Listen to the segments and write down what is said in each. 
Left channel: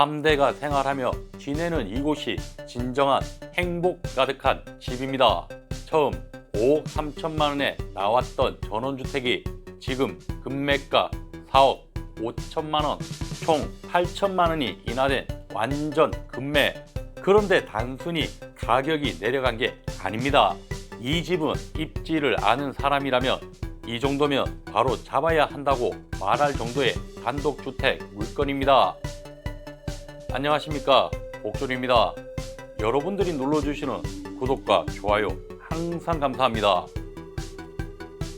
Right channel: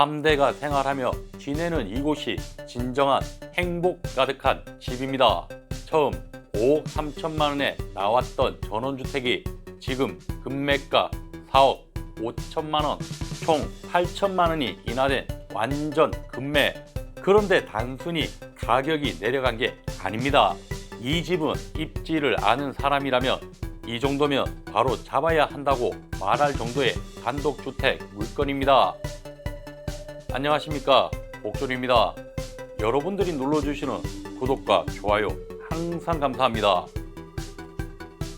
3대가 생활하며 지내는 이곳이 진정한 행복 가득한 집입니다. 처음 5억 3천만 원에 나왔던 전원주택이 지금 금매가 4억 5천만 원, 총 8천만 원이 인하된 완전 금매. 그런데 단순히 가격이 내려간 게 아닙니다. 이 집은 입지를 아는 사람이라면 이 정도면 바로 잡아야 한다고 말할 정도의 단독주택 물건입니다. 안녕하십니까 옥졸입니다. 여러분들이 눌러주시는 구독과 좋아요 항상 감사합니다.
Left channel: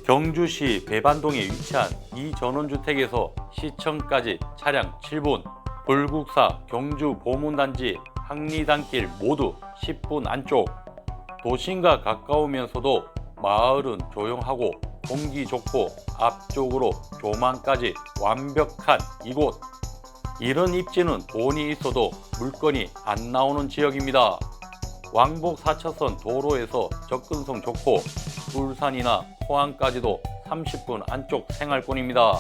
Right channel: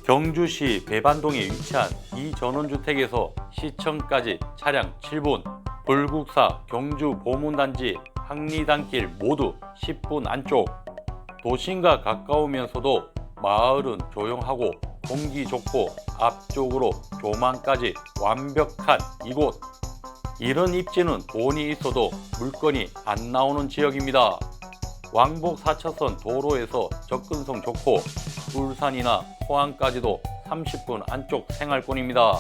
경주시 배반동에 위치한 이 전원주택에서 시청까지 차량 7분, 불국사 경주 보문단지 항리단길 모두 10분 안쪽, 도심과 가까우면서도 마을은 조용하고 공기 좋고 앞쪽으로 조망까지 완벽한 이곳. 이런 입지는 돈이 있어도 물건이 안 나오는 지역입니다. 왕복 4차선 도로에서 접근성 좋고 울산이나 포항까지도 30분 안쪽 생활권입니다.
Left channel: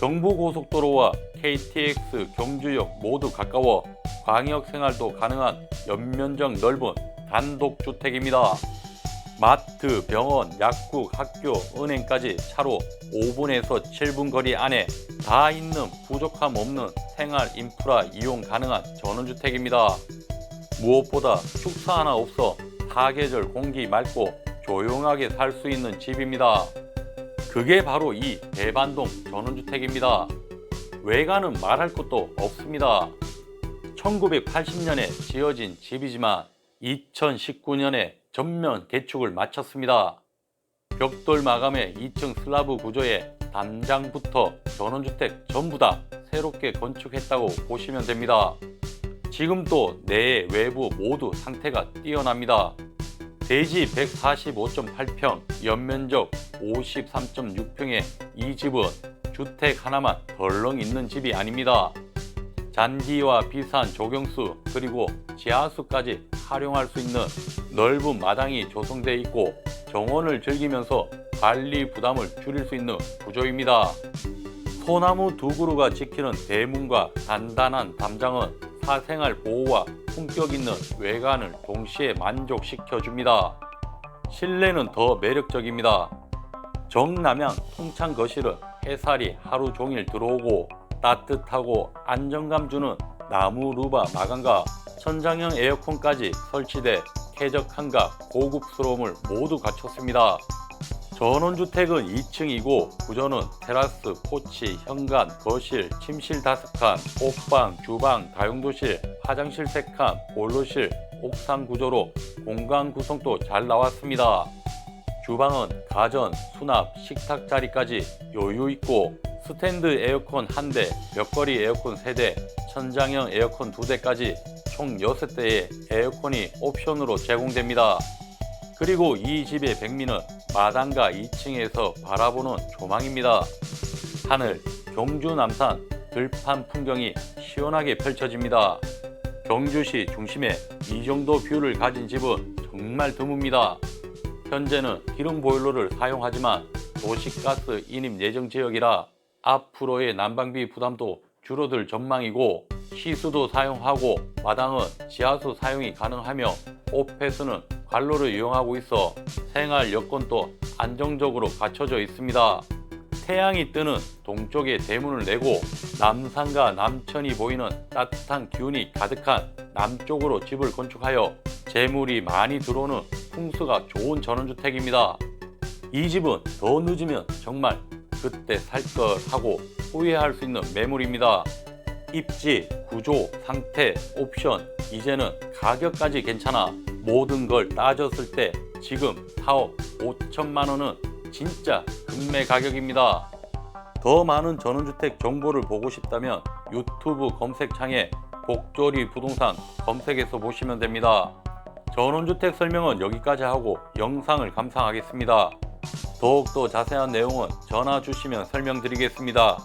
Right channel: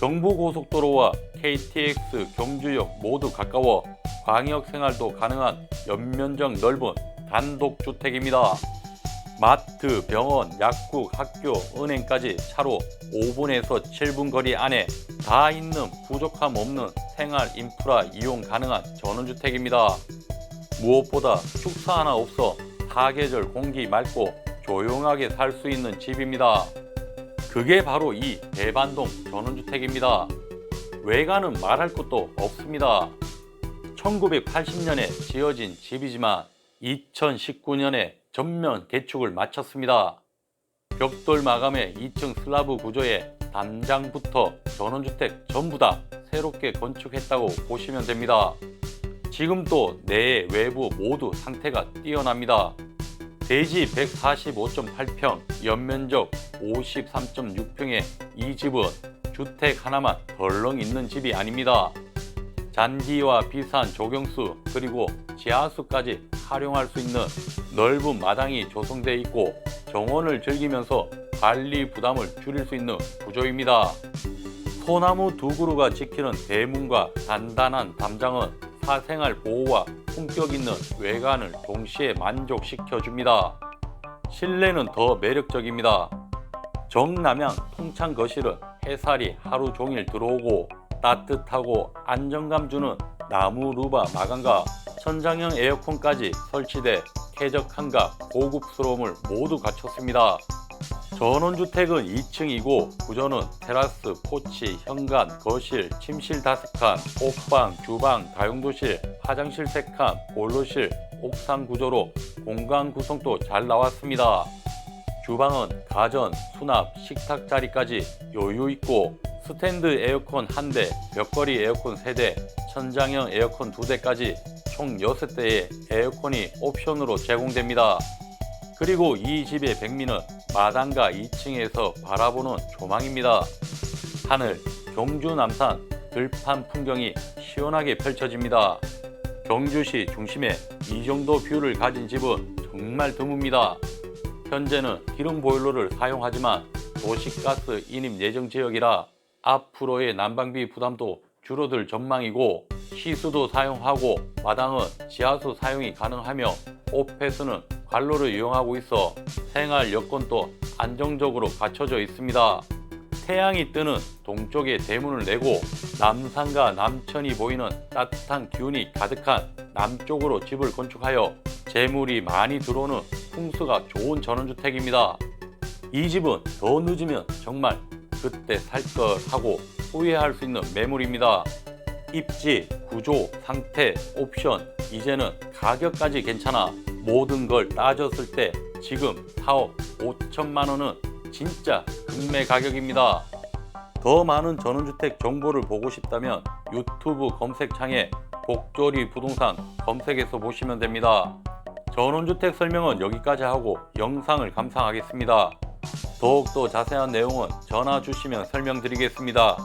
경부고속도로와 KTX 경주역 모두 가까워 광역 생활도 가능한 연면적 넓은 단독주택입니다. 마트, 병원, 약국, 학교, 은행까지 차로 5분에서 7분 거리 안에 다 있는 부족함 없는 생활 인프라 이용 가능한 전원주택입니다. 무엇보다 축사 하나 없어 사계절 공기 맑고 조용하게 살 수 있는 집입니다. 그게 바로 이 대반동 전원주택입니다. 외관은 말할 것도 없습니다. 1980년에 지어진 집이지만 2019년에 전면 개축을 마쳤습니다. 벽돌 마감의 2층 슬라브 구조에 단장부터 전원주택 전부 다 새롭게 건축했다고 보시면 됩니다. 지금도 내 외부 모두 상태가 뛰어납니다. 대지 145.8평, 연면적 53.6평의 이 집은 주택 하나만 덜렁 있는 집이 아닙니다. 잔디와 비싼 조경수 그리고 지하수까지 활용할 수 있는 넓은 마당이 조성되어 있고 정원을 즐기면서 관리 부담을 줄일 수 있는 구조입니다. 소나무 두 그루가 지키는 대문과 단단한 담장은 사생활 보호와 품격 있는 외관을 동시에 만족시켜 줍니다. 실내는 더 매력적입니다. 정남향 통창 거실은 햇살이 하루 종일 들어오고 따뜻하고 안정감 주는 나무 루바 마감과 천장형 에어컨까지 설치돼 쾌적함과 고급스러움을 모두 갖췄습니다. 전원주택은 2층이고 구조는 테라스, 포치, 현관, 거실, 침실 5칸, 옥방, 주방, 다용도실, 화장실 3칸, 보일러실, 옥상 구조로 공간 구성도 잘 나왔습니다. 주방은 가전, 수납, 식탁 자리까지 여유 있고 스탠드 에어컨 1대, 벽걸이 에어컨 3대, 천장형 에어컨 2대까지 총 6대의 에어컨이 옵션으로 제공됩니다. 그리고 이 집의 백미는 마당과 2층에서 바라보는 조망입니다. 하늘, 경주 남산, 들판 풍경이 시원하게 펼쳐집니다. 경주시 중심에 이 정도 뷰를 가진 집은 정말 드뭅니다. 현재는 기름 보일러를 사용하지만 도시가스 인입 예정 지역이라 앞으로의 난방비 부담도 줄어들 전망이고 시수도 사용하고 마당은 지하수 사용이 가능하며 오페스는 관로를 이용하고 있어 생활 여건도 안정적으로 갖춰져 있습니다. 태양이 뜨는 동쪽에 대문을 내고 남산과 남천이 보이는 따뜻한 기운이 가득한 남쪽으로 집을 건축하여 재물이 많이 들어오는 풍수가 좋은 전원주택입니다. 이 집은 더 늦으면 정말 그때 살 걸 하고 후회할 수 있는 매물입니다. 입지, 구조, 상태, 옵션, 이제는 가격까지 괜찮아 모든 걸 따졌을 때 지금 4억 5천만 원은 진짜 금매 가격입니다. 더 많은 전원주택 정보를 보고 싶다면 유튜브 검색창에 복조리 부동산 검색해서 보시면 됩니다. 전원주택 설명은 여기까지 하고 영상을 감상하겠습니다. 더욱더 자세한 내용은 전화 주시면 설명드리겠습니다.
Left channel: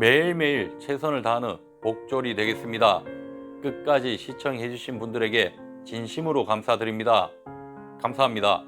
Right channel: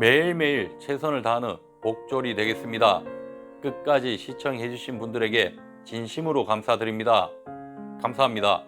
매일매일 최선을 다하는 복졸이 되겠습니다. 끝까지 시청해주신 분들에게 진심으로 감사드립니다. 감사합니다.